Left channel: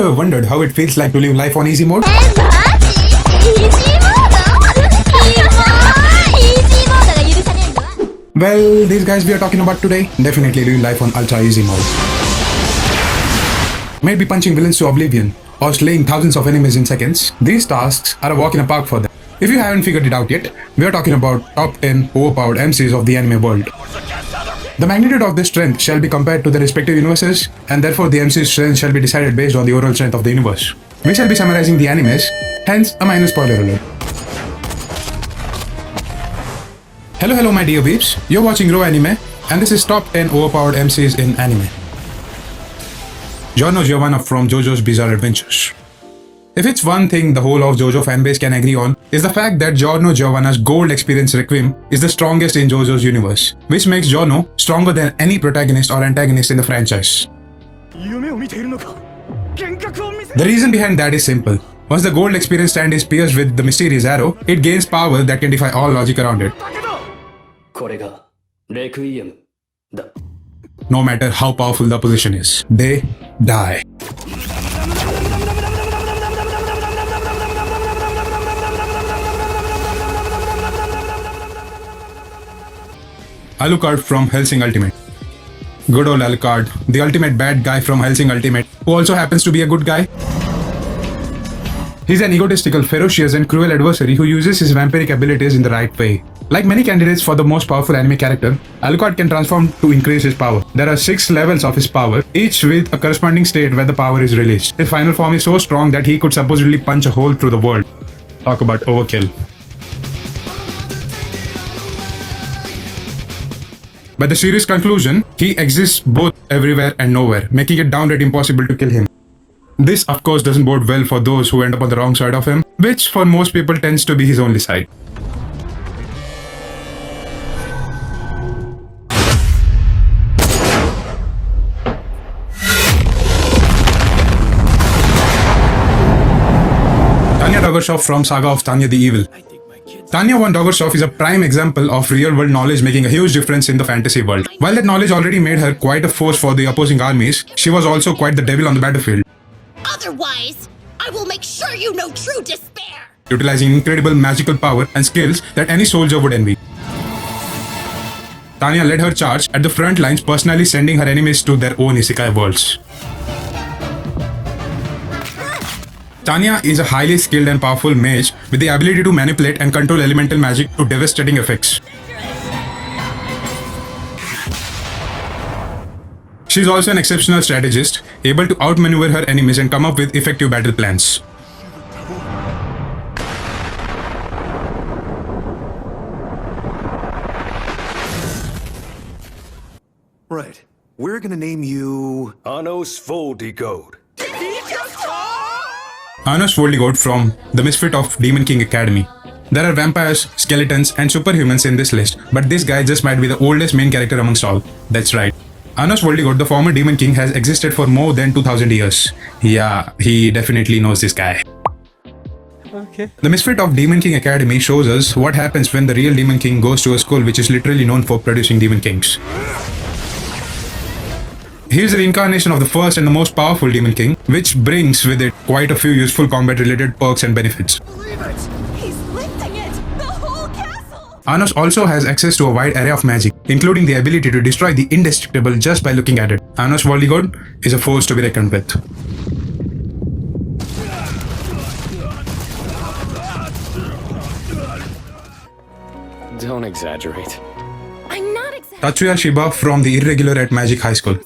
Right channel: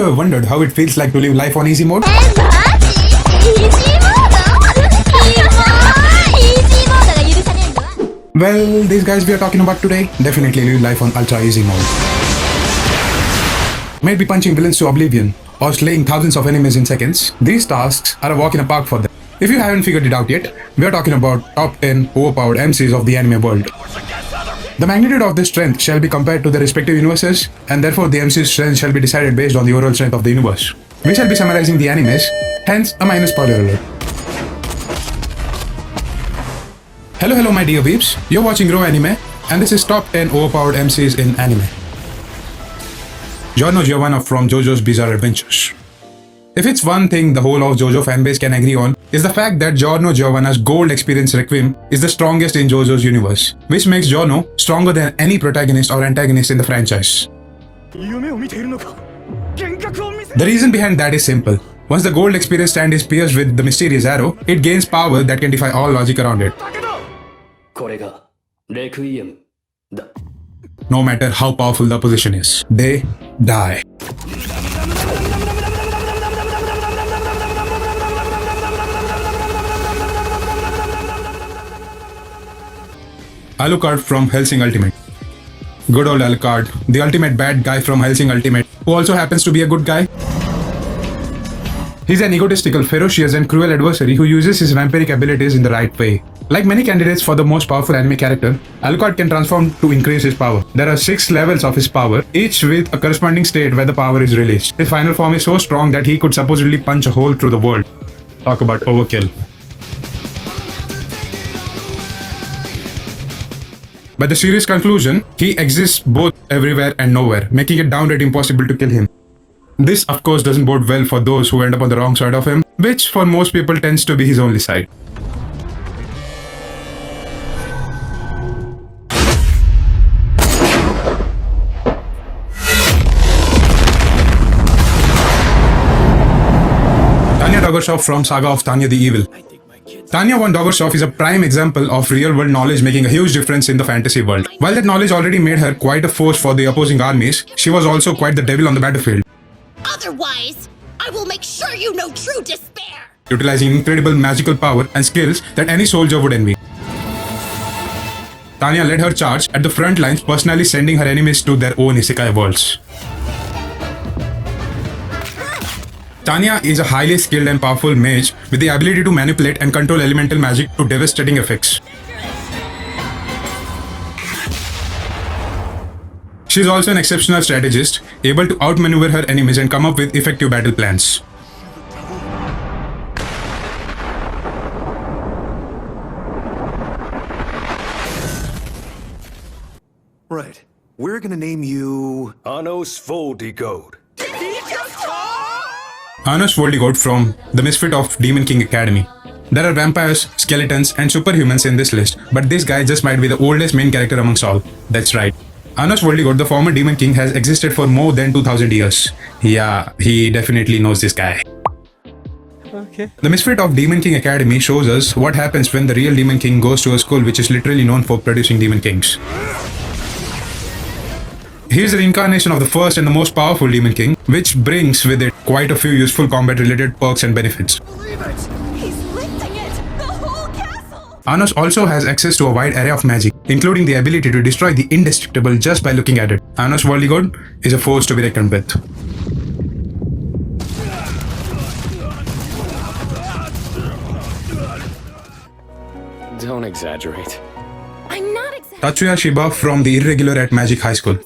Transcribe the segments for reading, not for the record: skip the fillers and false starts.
you ever wondered how it feels like to live life on easy mode? Well, these guys we are talking about today definitely live life on ultra easy mode. Maybe punching villains to oblivion or slaying thousands of enemies in seconds. These tasks are a walk in the park for them. If you haven't figured it out yet, we are talking about top 10 overpowered MCs of the anime world. The magnitude of their strength shall be compared to the respective universes, and therefore the MC's strength shall be decided based on the overall strength of the universe. We shall be summarizing the animes, hence a minor spoiler alert. Hello my dear weeps, you're watching Raw Anime, and this is top 10 overpowered MCs in anime. Giorno Giovanna from JoJo's Bizarre Adventures. If it's one thing the whole of JoJo fanbase can agree on, is the fact that Giorno Giovanna's Gold Experience Requiem is the strongest in JoJo's universe, which makes Giorno stronger than any protagonist or antagonist in the franchise. The reason behind that is simple. Once the Gold Experience stand is pierced with the mysterious arrow, it gains power that can defy all logic around it. No matter how powerful the opposition is, they die. Alucard from Hellsing Ultimate. Good old Alucard, the ultimate bad guy from Hellsing Ultimate, who also happens to be a good guy. He's an egotistical, ferocious and cruel adversary who uses his vampiric abilities in the right way. Like many candidates for the most powerful anime character, Alucard can transform to increase his power. There are 6 levels of his power, each with a corresponding state where the power is released. His final form is so strong that he could supposedly punch a hole through the world. Talk about overkill. By the series' conclusion, he exists both everywhere and nowhere, making it downright impossible to kill him. This of course doesn't bode well for those who end up on the wrong side of him, which for most people tends to be his only side. Tanya Doggershoff from Saga of Tanya the Evil. Tanya von Doggershoff is a prime example of real-world knowledge making a huge difference in the fantasy world. While that knowledge already made her quite a force for the opposing armies, she was also quite the devil on the battlefield. Otherwise, I will make sure you know true despair! Utilizing incredible magical power and skills that any soldier would envy. Tanya led her charge at the front lines, personally sending her enemies to their own isekai worlds. Tanya is a highly skilled and powerful mage with the ability to manipulate and control elemental magic to devastating effects. She is also an exceptional strategist, able to outmaneuver her enemies and come up with effective battle plans. Right. We're gonna name you Anos Voldigode. Anos Voldigode from the Misfit of Demon King Academy. There are vampires, skeletons and superhumans in this list, but this guy just might be the oldest main character amongst all. That's right. Anos Voldigode, the former Demon King, has existed for more than 2000 years. Yeah, he definitely knows this guy. Okay. The Misfit of Demon King Academy shows us what happens when the real Demon King goes to a school which is literally known for producing Demon Kings. He is the incarnation of the first and the most powerful Demon King, which brings with it quite a few useful combat-related perks and benefits. Believe it! He's lifting it! The whole castle! Anos also has access to a wide array of magic, including the ability to destroy the indestructible just by looking at it. Anos Voldigode is a force to be reckoned with. Don't exaggerate. I'm not exactly Tatsuya Shiba from the Irregular at Magic High School.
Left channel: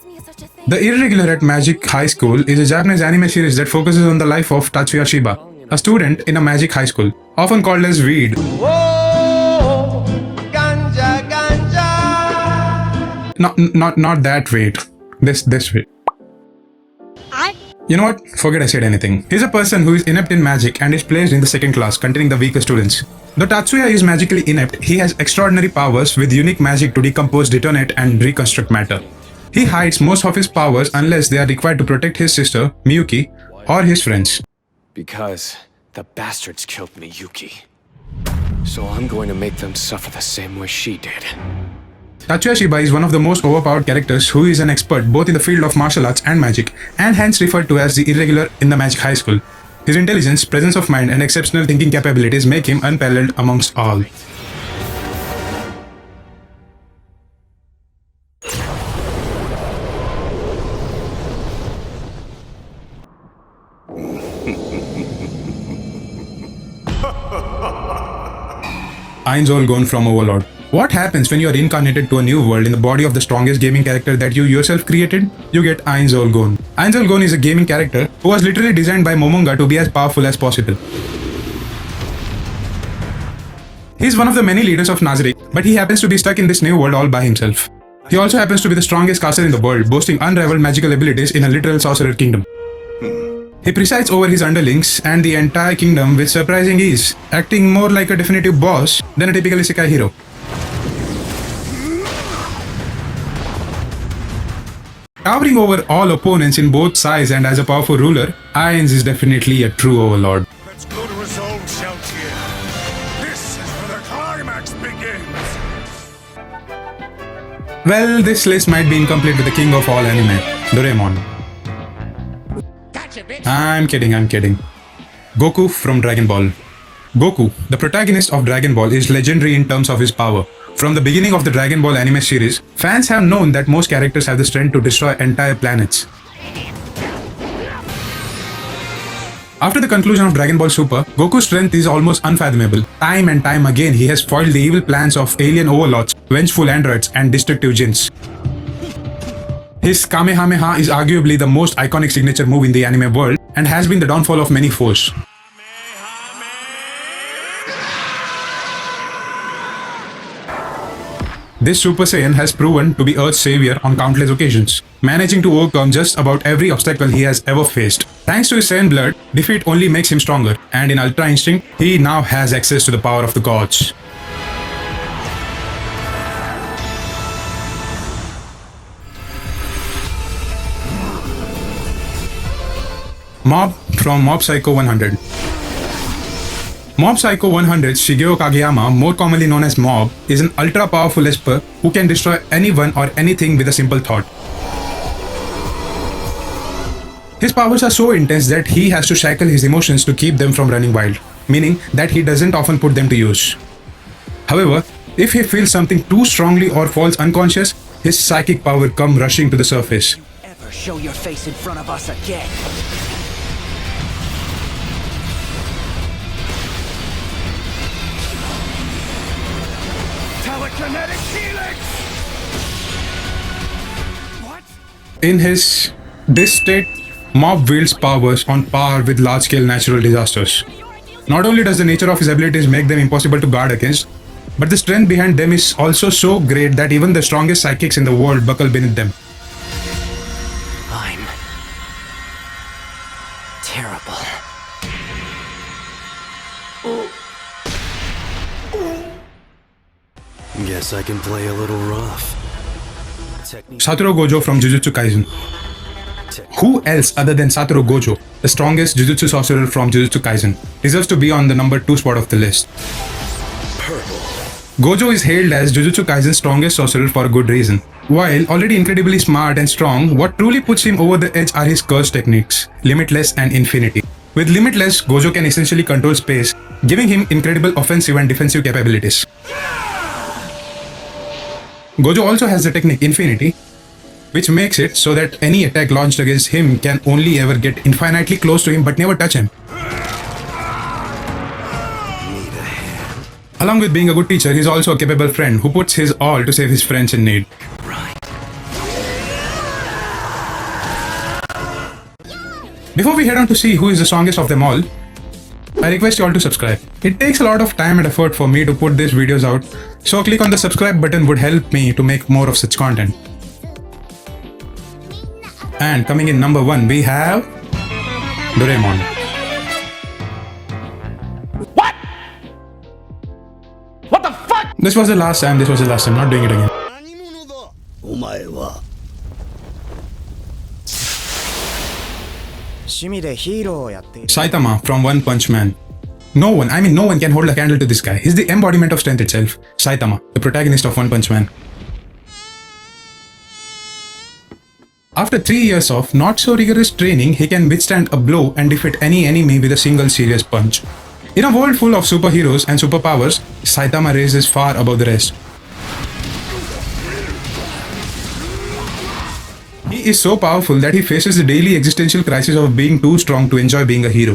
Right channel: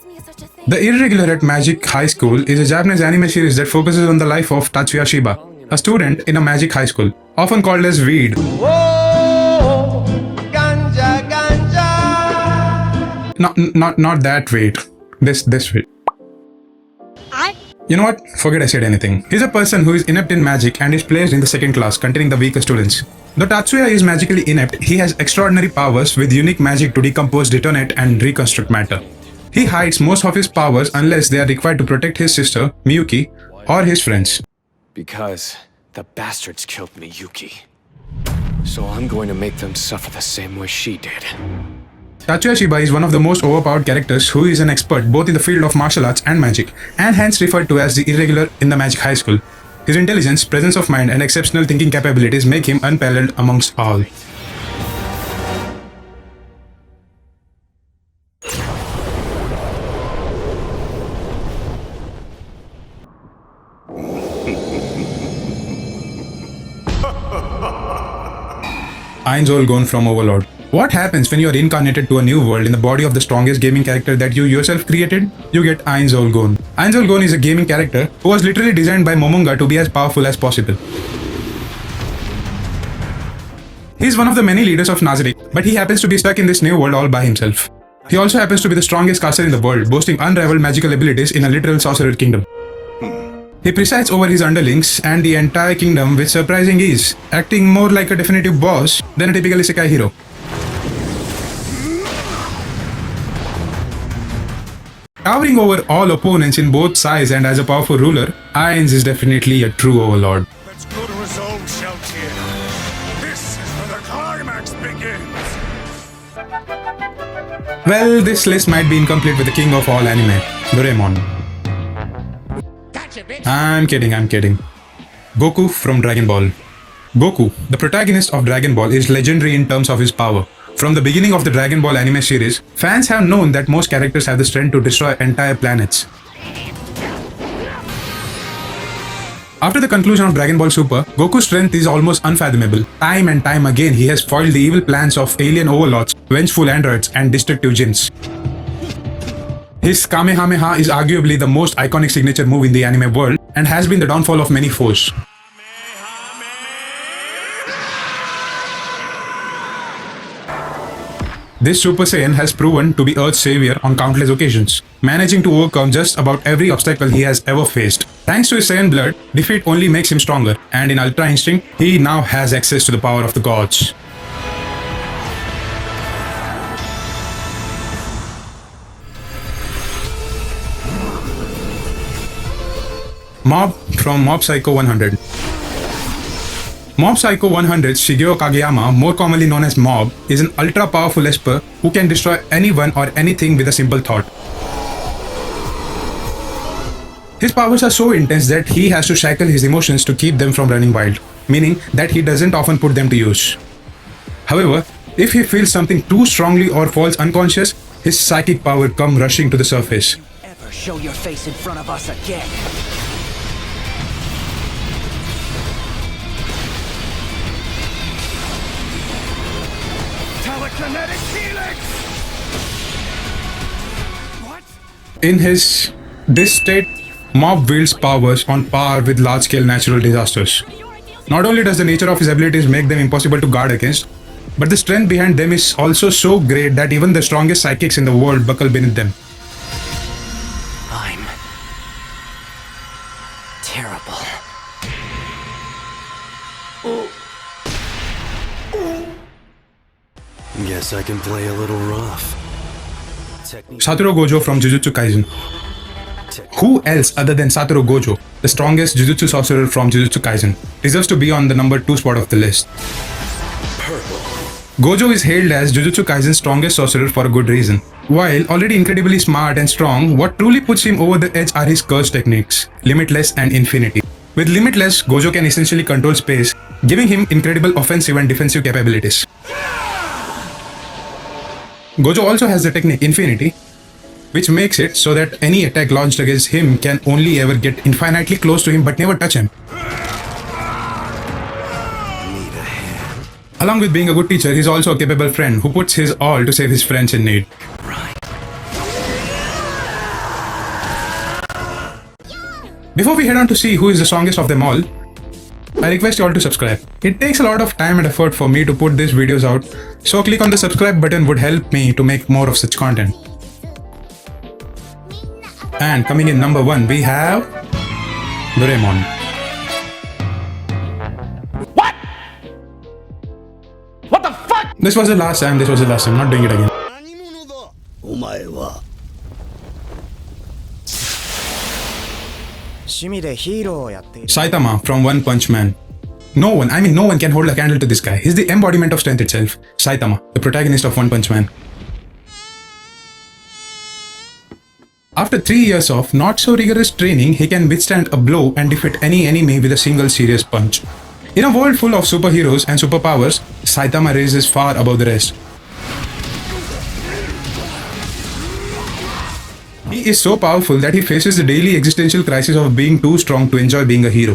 The Irregular at Magic High School is a Japanese anime series that focuses on the life of Tatsuya Shiba, a student in a magic high school, often called as Weed. Whoa, ganja, ganja. Not that Weed. This Weed. You know what? Forget I said anything. He's a person who is inept in magic and is placed in the second class, containing the weaker students. Though Tatsuya is magically inept, he has extraordinary powers with unique magic to decompose, detonate, and reconstruct matter. He hides most of his powers unless they are required to protect his sister, Miyuki, or his friends. Because the bastards killed Miyuki. So I'm going to make them suffer the same way she did. Tatsuya Shiba is one of the most overpowered characters who is an expert both in the field of martial arts and magic, and hence referred to as the irregular in the Magic High School. His intelligence, presence of mind, and exceptional thinking capabilities make him unparalleled amongst all. Ainzol gone from Overlord. What happens when you are reincarnated to a new world in the body of the strongest gaming character that you yourself created? You get Ainzol Gon. Ainzol Gon is a gaming character who was literally designed by Momonga to be as powerful as possible. He is one of the many leaders of Nazarick, but he happens to be stuck in this new world all by himself. He also happens to be the strongest caster in the world, boasting unrivaled magical abilities in a literal sorcerer kingdom. He presides over his underlings and the entire kingdom with surprising ease, acting more like a definitive boss than a typical isekai hero. Towering over all opponents in both sides and as a powerful ruler, Ainz is definitely a true overlord. Let's go to his own Shoutier. This is where the climax begins. Well, this list might be incomplete with the king of all anime, Doraemon. I'm kidding. Goku from Dragon Ball. Goku, the protagonist of Dragon Ball, is legendary in terms of his power. From the beginning of the Dragon Ball anime series, fans have known that most characters have the strength to destroy entire planets. After the conclusion of Dragon Ball Super, Goku's strength is almost unfathomable. Time and time again, he has foiled the evil plans of alien overlords, vengeful androids, and destructive jinns. His Kamehameha is arguably the most iconic signature move in the anime world and has been the downfall of many foes. This Super Saiyan has proven to be Earth's savior on countless occasions, managing to overcome just about every obstacle he has ever faced. Thanks to his Saiyan blood, defeat only makes him stronger, and in Ultra Instinct, he now has access to the power of the gods. Mob from Mob Psycho 100. Mob Psycho 100's Shigeo Kageyama, more commonly known as Mob, is an ultra-powerful esper who can destroy anyone or anything with a simple thought. His powers are so intense that he has to shackle his emotions to keep them from running wild, meaning that he doesn't often put them to use. However, if he feels something too strongly or falls unconscious, his psychic power comes rushing to the surface. Ever show your face in front of us again? Telekinetic helix! What? In this state, Mob wields powers on par with large-scale natural disasters. Not only does the nature of his abilities make them impossible to guard against, but the strength behind them is also so great that even the strongest psychics in the world buckle beneath them. I'm terrible. Guess I can play a little rough. Satoru Gojo from Jujutsu Kaisen. Who else other than Satoru Gojo, the strongest Jujutsu sorcerer from Jujutsu Kaisen, deserves to be on the number 2 spot of the list? Purple. Gojo is hailed as Jujutsu Kaisen's strongest sorcerer for a good reason. While already incredibly smart and strong, what truly puts him over the edge are his curse techniques, Limitless and Infinity. With Limitless, Gojo can essentially control space, giving him incredible offensive and defensive capabilities. Gojo also has the technique Infinity, which makes it so that any attack launched against him can only ever get infinitely close to him but never touch him. Along with being a good teacher, he is also a capable friend who puts his all to save his friends in need. Before we head on to see who is the strongest of them all, I request you all to subscribe. It takes a lot of time and effort for me to put these videos out, so click on the subscribe button would help me to make more of such content. And coming in number 1, we have Doraemon. What the fuck? This was the last time, not doing it again. お前は趣味でヒーローをやっている Saitama from One Punch Man. No one can hold a candle to this guy. He's the embodiment of strength itself. Saitama, the protagonist of One Punch Man. After 3 years of not so rigorous training, he can withstand a blow and defeat any enemy with a single serious punch. In a world full of superheroes and superpowers, Saitama rises far above the rest. He is so powerful that he faces the daily existential crisis of being too strong to enjoy being a hero.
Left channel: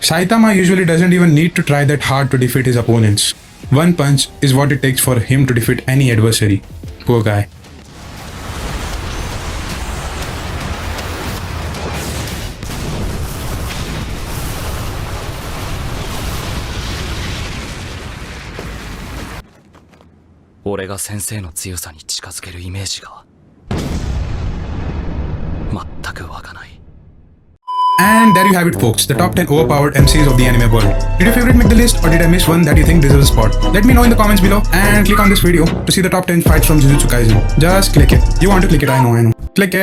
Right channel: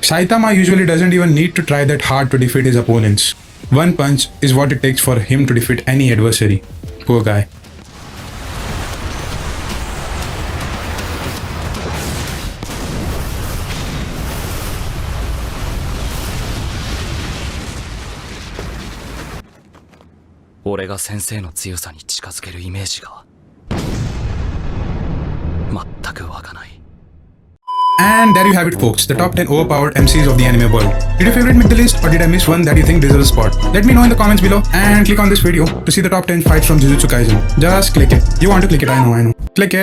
Saitama usually doesn't even need to try that hard to defeat his opponents. One punch is what it takes for him to defeat any adversary. Poor guy. And there you have it, folks, the top 10 overpowered MCs of the anime world. Did your favorite make the list, or did I miss one that you think deserves a spot? Let me know in the comments below and click on this video to see the top 10 fights from Jujutsu Kaisen. Just click it. You want to click it, I know. Click it.